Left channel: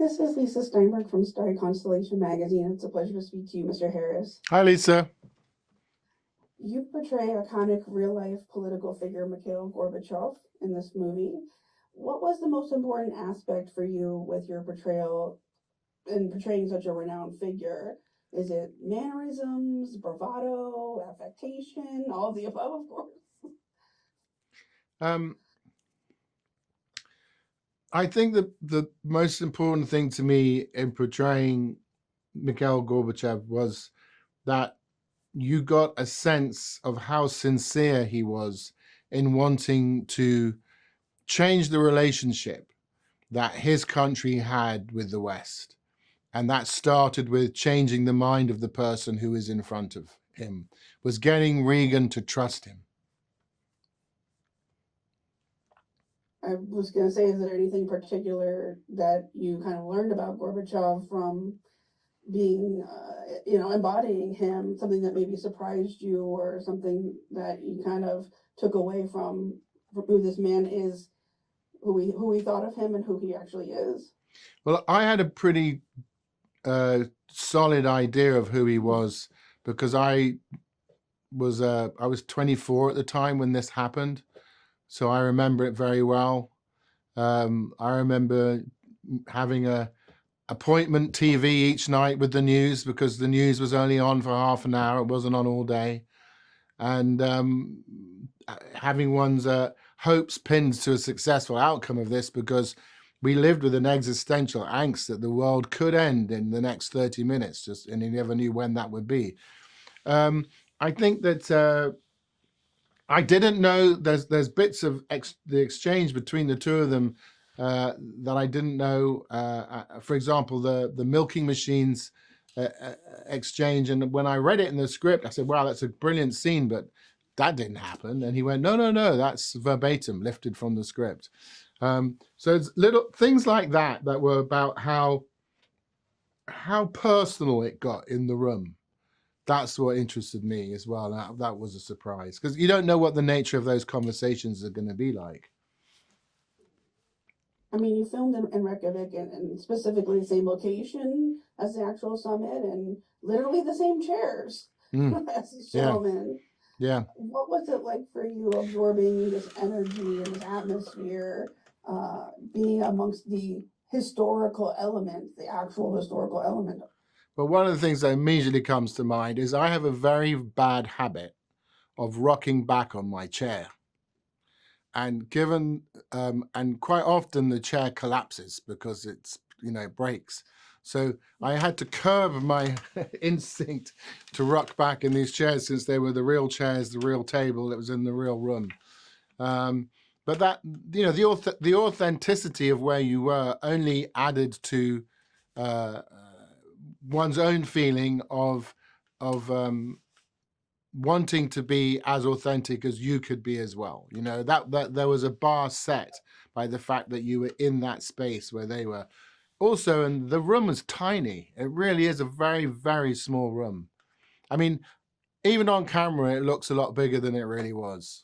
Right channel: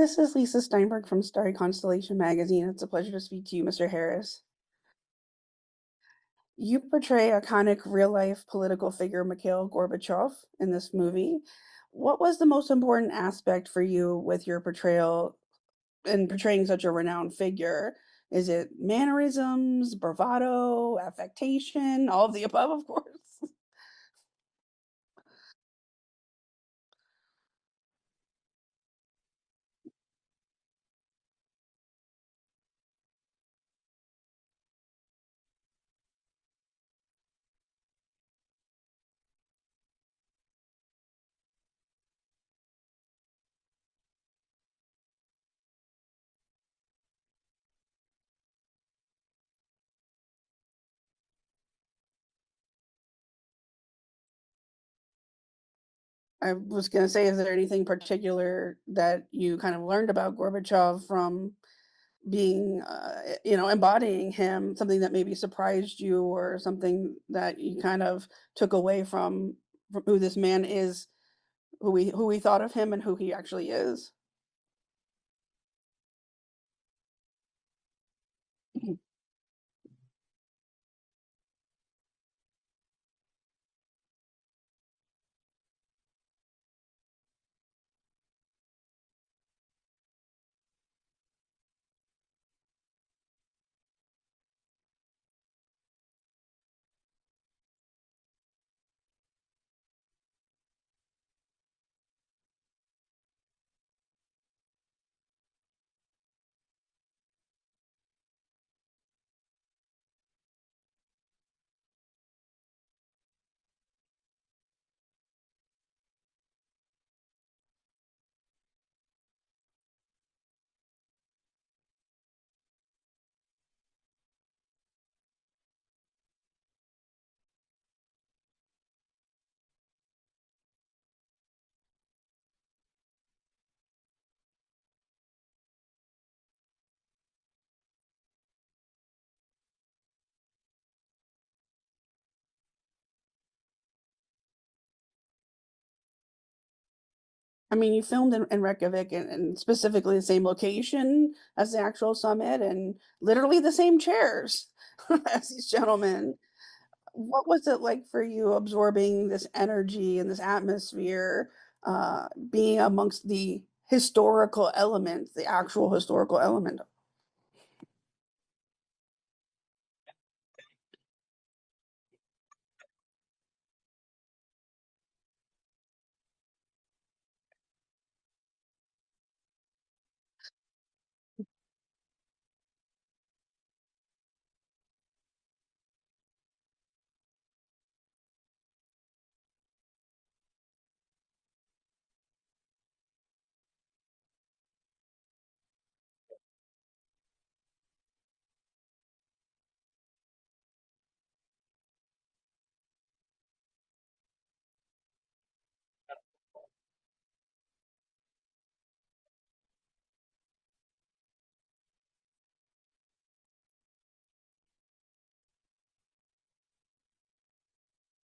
This is Lisa Steinberg from Starry Constellation Magazine. It's a pleasure to speak to you, Mr. Harris. Hi, Lisa. You portray iconic real-life political figure Mikhail Gorbachev in this movie. What was the most important aspect for you with your portrayal in portraying such a renowned figure? Is it mannerisms, bravado, affectation, all of the above, of course? Um, I think that the most important thing to me in portraying Mikhail Gorbachev was that you got a sense of how sincere he was in wanting to change the relationship that his country had with the West. And that started with changing the mind of the person who is in front of him, was getting Reagan to trust him. I was going to say, is there anything particular that you kind of learned about Gorbachev from being, embodying him, something that maybe surprised you or something that you kind of took away from who this man is, who we thought of him and who he actually is? Well, I had a pretty solid idea of who he was because I was 24 at the time when this happened, so I remember it very well. I remember having a appointment TV each night with the news because the news was only on for half an hour; it wasn't on all day, and having one's hopes pinned to a successful outcome of this because we lived with an existential angst that the world could end in the next 30 minutes, just and you never knew when that would be. Um, I think that I didn't know there's bits of the exchange between the two of them that I didn't know. For example, the milking machines exchange, and when I read it in the script, I said, "Wow, that's a brilliant scene," but that didn't happen. And he went, "No, no, no, that's verbatim, lifted from the script." So it's little things like that that were about how personal it got in the room. That's what interested me as well. That was a surprise because you don't know what the nature of those conversations are going to be like. I mean, you filmed in Reykjavik and specifically the same location as the actual summit and literally the same chairs Mm, as these yeah, gentlemen. yeah. What was it like for you absorbing this energy and this atmosphere, being amongst the historical elements, the actual historical element? But one of the things that immediately comes to mind is I have a very bad habit of rocking back on my chair. And and quite often the chair collapses because breaks. So I had to curb my instinct to rock back in these chairs since they were the real chairs, the real table that was in the real room. But that the authenticity of where you were only added to uh, one's own feeling of wanting to be as authentic as you could be as well. That there was a bar set by the fact that you were in that space where they were also, and the room was tiny. It really is a very, very small room. I mean, even on camera, it looks a lot bigger than it really was.